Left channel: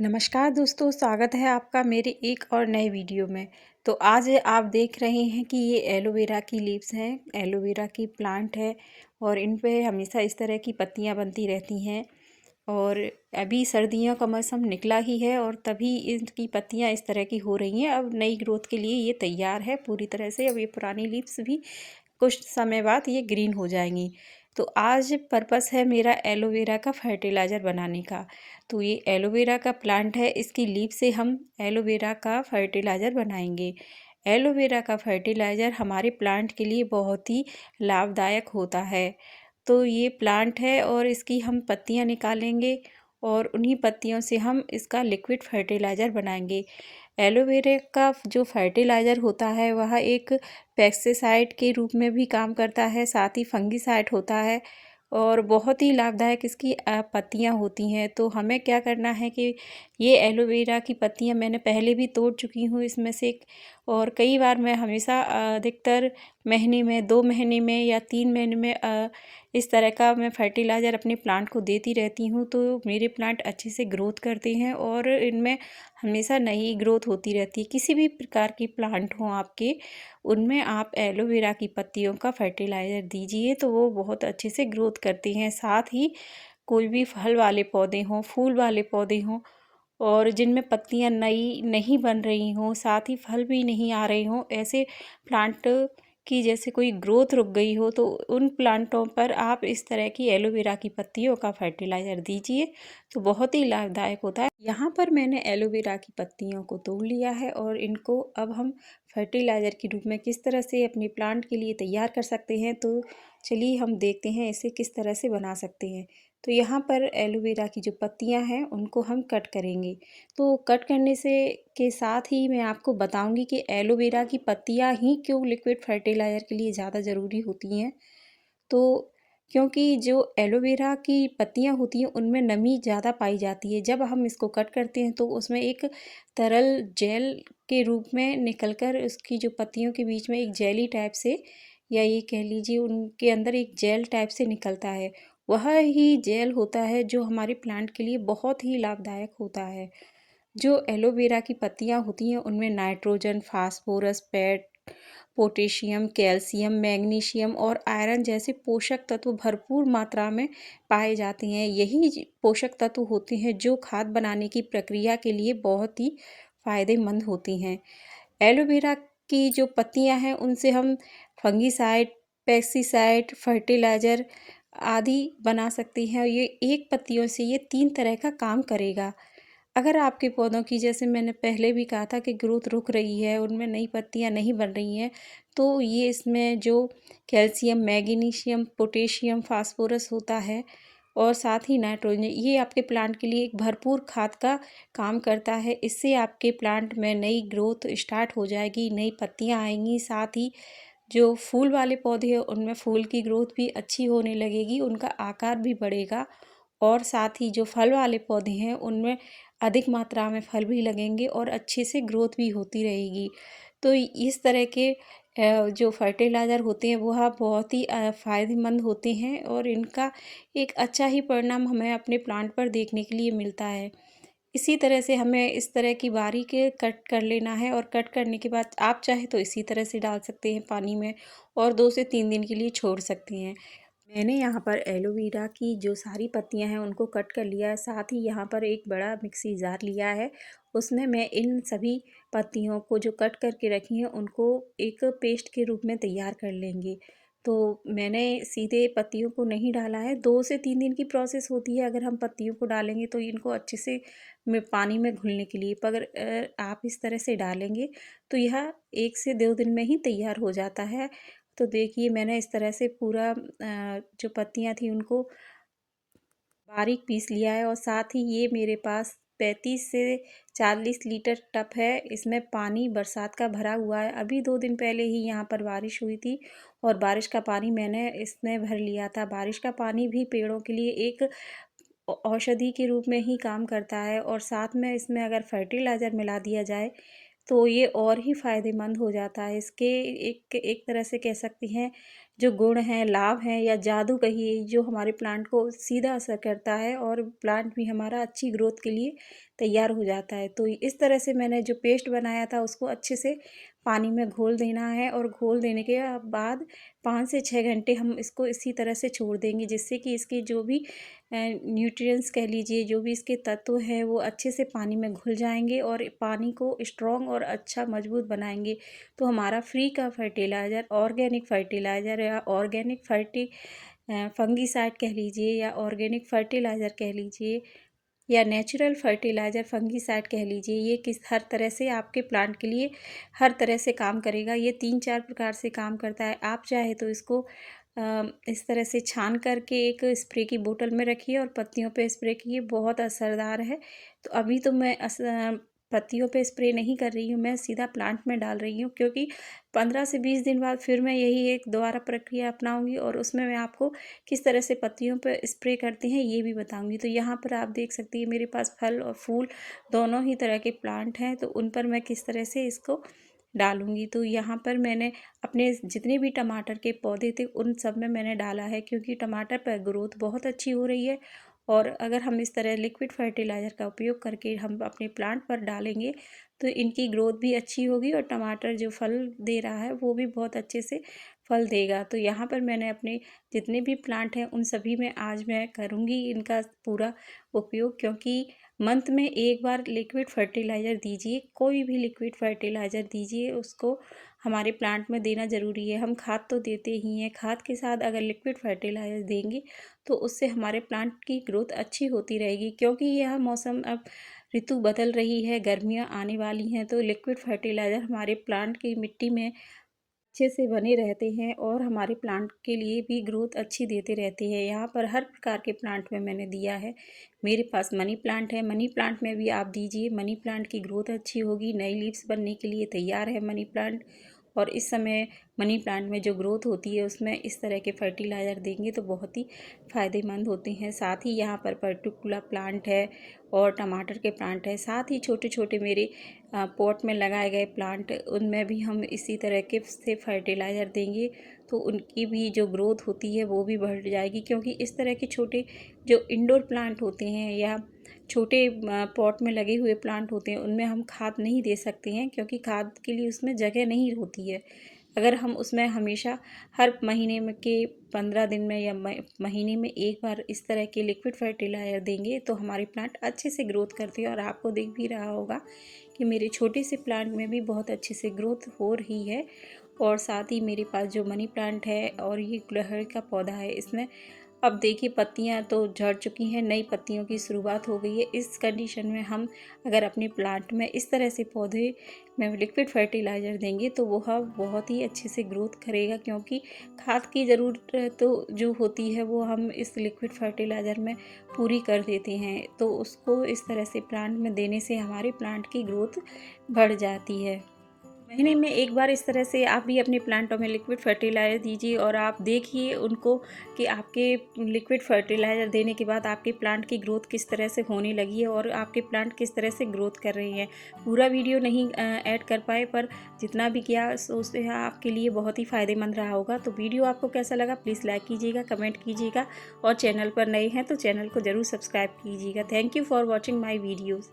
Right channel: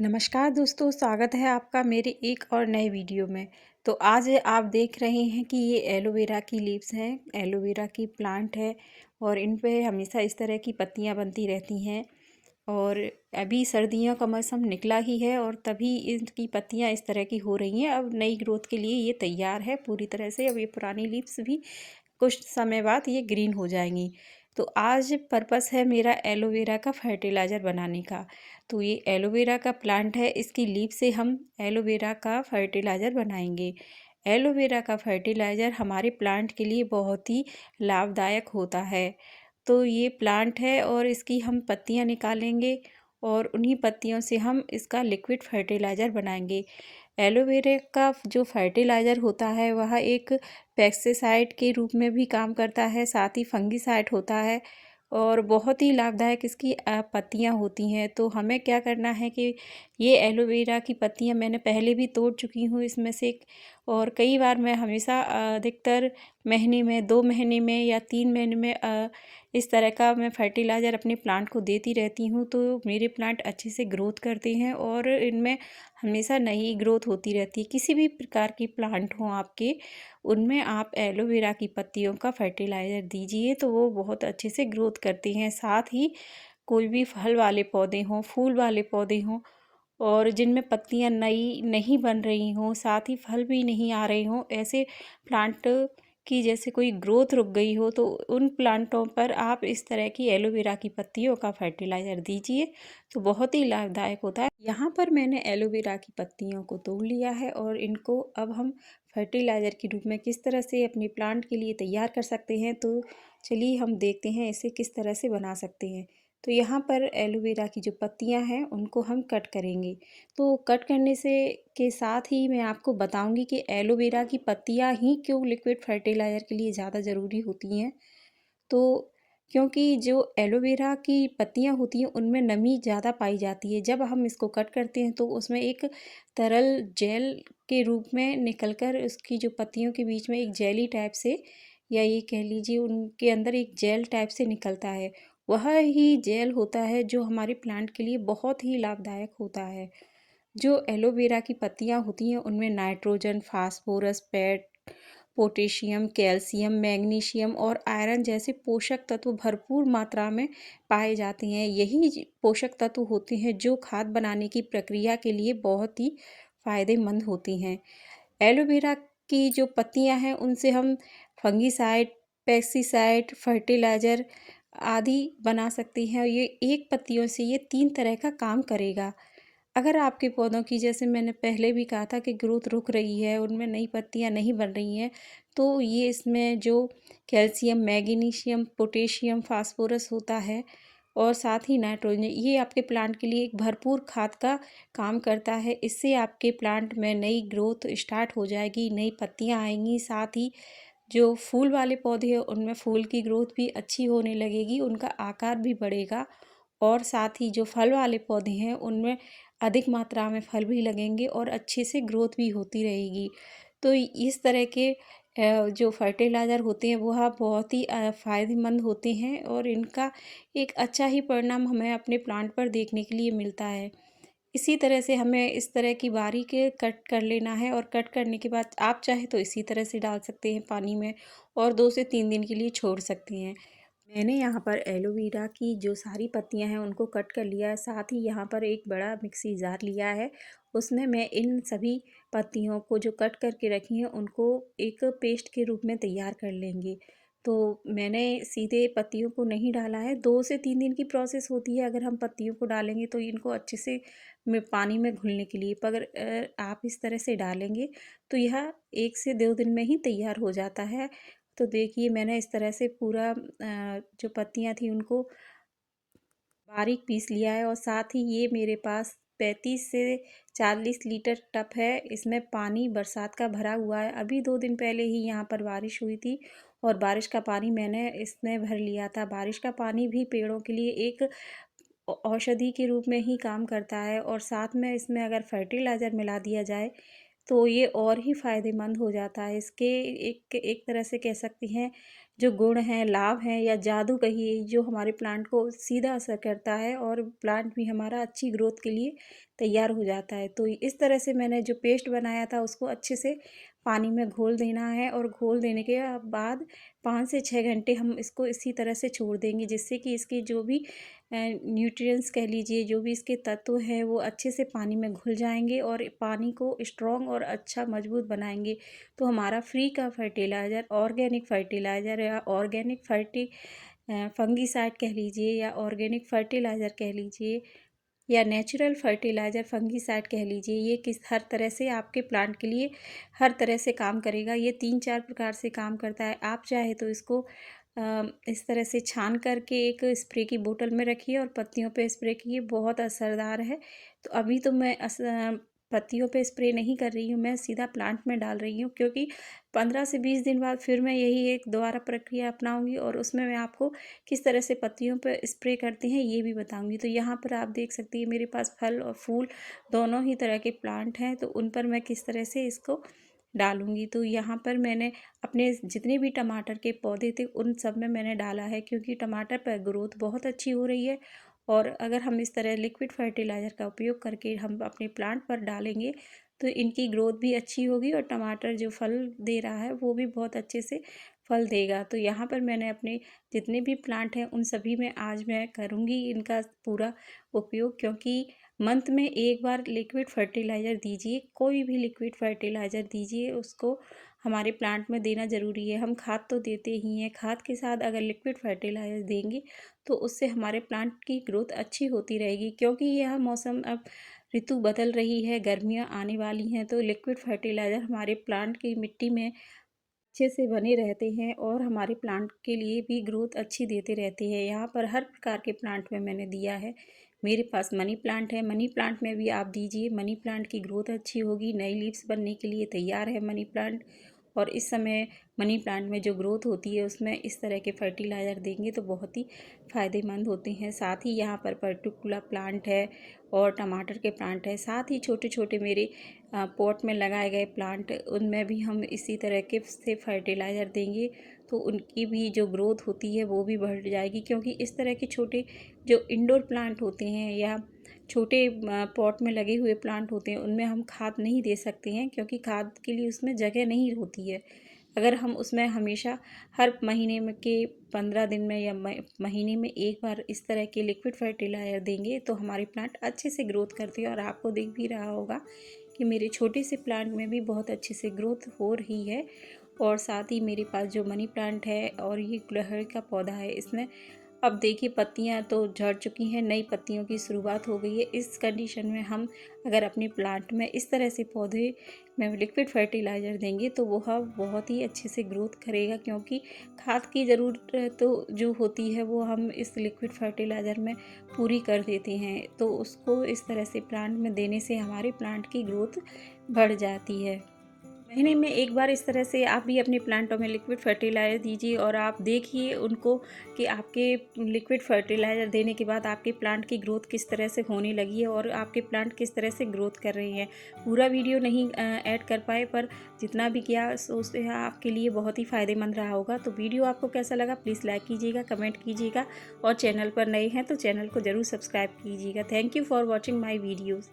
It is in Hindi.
नमस्कार दोस्तों, स्वागत है आपका मेरे एक और नए वीडियो में। तो आज आप देख रहे हैं कि ये एलोवेरा की लीव्स हैं, एलोवेरा की प्लांट है और इन पे हमेशा इस तरह की पत्तियां बनती रहती हैं। और अभी सर्दियों का मौसम निकला ही है और तभी इनकी पत्तियां इस तरह की हो रही हैं। अब नई ग्रोथ के लिए ये तैयार है पूरी तरह से। अब ये पुरानी लीव्स भी कुछ समय बाद ये ग्रीन हो जाएंगी। तो आज पर्पस है मेरा एलोवेरा का फर्टिलाइज़र बनाने का। तो ये एलोवेरा का प्लांट है, इसकी लीफ से हम एलोवेरा का फर्टिलाइज़र बनाएंगे। एलोवेरा का फर्टिलाइज़र हमारे प्लांट के लिए बहुत ही लाभदायक होता है। तो ये प्लांट है और इसकी हम पत्तियां निकालेंगे और उन्हीं पत्तियों से हम इसका लिक्विड फर्टिलाइज़र बनाएंगे। एलोवेरा का जो फर्टिलाइज़र होता है वह एक पेस्टिसाइड के रूप में भी काम करता है, साथ ही फंगिसाइड होता है और बहुत ही लाभदायक इसकी पत्तियां होती हैं। तो हमें क्या करना है कि ये एलोवेरा की पत्तियां मैंने पहले भी तोड़ चुकी हूँ इसमें से। और कई बार मैं हमेशा अधिकतर महीने में, 2 महीने में या 3 महीने में इस तरह का मैं फर्टिलाइज़र अपने प्लांट को देती रहती हूँ। तो मेरे प्लांट अच्छे से ग्रोथ करते हैं और इनमें हमेशा नई ग्रोथ होती रहती है। किसी भी प्रकार की प्लांट हो आपके, उनमें आप एलोवेरा की पत्तियों का फर्टिलाइज़र दीजिए तो वो बहुत अच्छे से ग्रोथ करती हैं। साथ ही कोई भी फल वाले पौधे हों, फूल वाले पौधे हों और जिनमें पत्तियां नई नहीं बन रही हों, साथ ही फल भी नहीं आ रहे हों, ऐसे प्लांट की जैसे कोई ग्रोथ रुक गई हो, तो उन प्लांटों पर आप इस तरह की एलोवेरा की पत्तियों का फर्टिलाइज़र दीजिए तो बहुत ही लाभदायक होता है। यहाँ पर मैंने एलोवेरा की पत्तियों को तोड़ लिया है और इनको अब हम फर्टिलाइज़र के रूप में किस तरह से अपने प्लांट के लिए तैयार कर सकते हैं। तो चलिए हम देखते हैं इसे किस तरह से बना सकते हैं। तो यहाँ पर एलोवेरा की जो पत्तियाँ हैं उनको हम कट करेंगे। तो कट करने से के साथ ही मैं आपको बताऊंगी कि एलोवेरा की पत्तियाँ ही क्यों लिक्विड फर्टिलाइज़र के लिए ज़्यादा ज़रूरी होती हैं। तो क्योंकि जो एलोवेरा की पत्तियाँ होती हैं उनमें नमी ज़्यादा पाई जाती है। जब हम इसको कट करते हैं तो उसमें एक तरल जेल के रूप में निकलकर उसकी जो पत्तियों के बीच में एक जेली टाइप से, या ये कह लीजिए उनके अंदर एक जेल टाइप से निकलता है। वह ही जेल होता है जो हमारे प्लांट के लिए बहुत ही लाभदायक होता है। जो एलोवेरा की पत्तियाँ होती हैं उनमें nitrogen, phosphorus, potassium, calcium, magnesium और आयरन जैसे पोषक तत्व भरपूर मात्रा में पाए जाते हैं। यही पोषक तत्व होते हैं जो खाद बनाने की प्रक्रिया के लिए बहुत ही फायदेमंद होती हैं। एलोवेरा की जो पत्तियां हैं उनसे हम फंगिसाइड, पेस्टिसाइड, फर्टिलाइज़र आदि बना सकते हैं। ये एक पत्तियों से ये 3 तरह का काम करेगा। अगर आपके पौधों की, जैसे मैंने पहले भी कहा था, कि ग्रोथ रुक रही है, उनमें नई पत्तियां नहीं बन रही हैं, तो ये इसमें जो कैल्शियम, मैग्नीशियम, पोटेशियम, फास्फोरस होता है और साथ ही नाइट्रोजन, ये आपके प्लांट के लिए एक भरपूर खाद का काम करता है। इससे आपके प्लांट में नई ग्रोथ स्टार्ट हो जाएगी, नई पत्तियां आएंगी। साथ ही जो फूल वाले पौधे हैं उनमें फूल की ग्रोथ भी अच्छी होने लगेगी, उनका आकार भी बढ़ेगा और साथ ही जो फल वाले पौधे हैं उनमें अधिक मात्रा में फल भी लगेंगे और अच्छे से ग्रोथ भी होती रहेगी। तो इस तरह के जो फर्टिलाइज़र होते हैं वह बहुत ही फ़ायदेमंद होते हैं और इनका एक अच्छा ही परिणाम हमें अपने प्लांट पर देखने के लिए मिलता है। इसी तरह से हमें इस तरह की बारीक कट कर लेना है और कट करने के बाद आप चाहे तो इसी तरह से डाल सकते हैं पानी में और 2 से 3 दिन के लिए छोड़ सकते हैं। मैंने यहाँ पर एलोवेरा की जो सारी पत्तियाँ हैं उनको कट कर लिया है। साथ ही यहाँ पर एक बड़ा मिक्सी जार लिया है, उसमें मैं इन सभी पत्तियों को जो कट करके रखी हैं उनको एक पेस्ट के रूप में तैयार कर लेंगे। तो मैंने सीधे पत्तियों को नहीं डाला है, 2 से 3 दिन की प्रोसेस होती है। अगर हम पत्तियों को डालेंगे तो इनको अच्छे से पानी में घुलने के लिए, पर अगर आप इस तरह से डालेंगे तो यह 1 से 2 दिन में ही तैयार हो जाता है। तो देखिए मैंने इस तरह से पूरा जो पत्तियां थी उनको बारीक पीस लिया है और साथ ही ये मेरे पास 35 से 40 लीटर टब है। इसमें पानी बरसात का भरा हुआ है। अभी 2 दिन पहले ही यहाँ पर बारिश हुई थी और बारिश का पानी मैंने इसमें भर लिया था। बारिश का पानी भी पेड़ों के लिए एक औषधि के रूप में ही काम करता है और साथ में इसमें अगर फर्टिलाइज़र मिला दिया जाए तो ये और ही फ़ायदेमंद हो जाता है। इसके एक एक तरह से कह सकती हैं जो गुण हैं, लाभ हैं या जादू कहिए, जो हमारे प्लांट को सीधा असर करता है और प्लांट भी हमारा अच्छी ग्रोथ के लिए तैयार हो जाता है। तो इस तरह से मैंने जो पेस्ट बनाया था उसको अच्छे से पानी में घोल देना है और घोल देने के बाद 5 से 6 घंटे हम इसको इसी तरह से छोड़ देंगे, जिससे कि इसकी जो भी न्यूट्रिएंट्स कह लीजिए, जो भी इसके तत्व हैं वो अच्छे से पानी में घुल जाएंगे और पानी को स्ट्रॉन्ग और अच्छा मजबूत बनाएंगे। तो हमारा फ्री का फर्टिलाइज़र, ऑर्गेनिक फर्टिलाइज़र या ऑर्गेनिक फंगीसाइड कह लीजिए या ऑर्गेनिक फर्टिलाइज़र कह लीजिए या नेचुरल फर्टिलाइज़र फंगीसाइड कह लीजिए, ये किस हर तरह से आपके प्लांट के लिए हर तरह से काम करेगा। ये 3-4 प्रकार से काम करता है। आप चाहे तो इसको इस तरह से छान करके एक स्प्रे की बोतल में रखिए और पत्तियों पे स्प्रे कीजिए, बहुत असरदार है। तो अभी तो मैं पत्तियों पे स्प्रे नहीं कर रही हूँ, मैं सीधा प्लांट में डाल रही हूँ, क्योंकि 15 से 20 दिन बाद फिर मैं यही एक दोबारा प्रक्रिया अपनाऊंगी और उसमें मैं आपको किस तरह से पत्तियों पे स्प्रे करते हैं ये भी बताऊंगी। तो यहाँ पर आप देख सकती हैं मेरे पास फल और फूल दोनों ही तरह के प्लांट हैं, तो उन पर मैं किस तरह से इसको डालूंगी। तो यहाँ पर मैंने अपने जितने भी टमाटर के पौधे थे उन सब में मैंने डाला है, क्योंकि टमाटर पर ग्रोथ बहुत अच्छी हो रही है। और अगर हम इस तरह लिक्विड फर्टिलाइज़र का उपयोग करके हम अपने प्लांट पर डालेंगे तो इनकी ग्रोथ भी अच्छी होगी और टमाटर जो फल दे रहा है वो भी बहुत अच्छे से फल देगा। तो यहाँ पर मैंने अपने जितने भी प्लांट हैं उन सभी में आज मैं करूँगी इनका पूरा उपयोग, क्योंकि मंथ में एक बार लिक्विड फर्टिलाइज़र दीजिए, कोई भी लिक्विड फर्टिलाइज़र दीजिए, उसको हमारे प्लांट में देना ज़रूरी है। हम खाद तो देते ही हैं, खाद के साथ अगर लिक्विड फर्टिलाइज़र देंगे तो उससे हमारे प्लांट की ग्रोथ अच्छी होती रहेगी, क्योंकि यह मौसम अब ऋतु बदल रही है, गर्मियाँ आने वाली हैं, तो लिक्विड फर्टिलाइज़र हमारे प्लांट की मिट्टी में अच्छे से बने रहते हैं और हमारे प्लांट के लिए भी ग्रोथ अच्छी देते रहते हैं। यहाँ पर हर प्रकार के प्लांट में मैंने दिया है। मेरे पास मनी प्लांट है, मनी प्लांट में भी आप दीजिए, मनी प्लांट की ग्रोथ अच्छी होगी, नई लीव्स बनने के लिए तैयार है मनी प्लांट। और इस समय मनी प्लांट में जो ग्रोथ होती है उसमें इस तरह के फर्टिलाइज़र देंगे तो बहुत ही फ़ायदेमंद होते हैं। साथ ही यहाँ पर पर्टिकुलर प्लांट है और टमाटर के प्लांट है, साथ ही छोटे छोटे मेरे पॉट में लगाए गए प्लांट, उनमें भी हम इसी तरह के से फर्टिलाइज़र देंगे तो उनकी भी जो ग्रोथ होती है वो भी बढ़ जाएगी। क्योंकि इस तरह के छोटे जो इंडोर प्लांट होते हैं या छोटे पॉट में लगे हुए प्लांट होते हैं उनमें हम खाद नहीं दे सकते हैं, क्योंकि खाद के लिए उसमें जगह नहीं होती है। अगर हम उसमें हमेशा हर महीने में के 15 दिन में या महीने में एक बार इस तरह के लिक्विड फर्टिलाइज़र देंगे तो हमारे प्लांट अच्छे से ग्रोथ करते हैं। और आपको दिख भी रहा होगा कि मेरे छोटे से प्लांट में भी बहुत अच्छे से ग्रोथ हो रही है। और साथ ही मेरे पास जो मनी प्लांट है और ये गुड़हल का पौधा है, इसमें अब देखिए पत्तियां तो झड़ चुकी हैं, नई पत्तियों की शुरुआत हो गई है। इस कंडीशन में हम अगर अपने प्लांट में इस तरह से पौधे में लिक्विड फर्टिलाइज़र देंगे तो वो बहुत ही अच्छे से ग्रोथ करेगा, क्योंकि खाद की ज़रूरत तो जो होती है वो हम इस लिक्विड फर्टिलाइज़र में पूरी कर देते हैं। तो उसको इस तरह से प्लांट में देने से हमारे प्लांट की ग्रोथ बढ़ जाती है। महीने में एक बार इस तरह से आप भी अपने प्लांटों में लिक्विड फर्टिलाइज़र दीजिए और आप देखिए उनको कि आपके लिक्विड फर्टिलाइज़र देने के बाद आपके प्लांट की ग्रोथ किस तरह से होने लगी है और आपके प्लांट किस तरह से ग्रोथ कर रहे हैं। पूरा वीडियो नहीं ऐड कर पाए, पर जितना भी किया सोचते हैं आपके लिए बहुत ही फ़ायदेमंद रहा होगा। तो वीडियो आपको कैसा लगा प्लीज़ लाइक कीजिएगा, कमेंट कीजिएगा और चैनल पर नए हैं तो चैनल को ज़रूर सब्सक्राइब कीजिएगा। Thank you for watching my videos.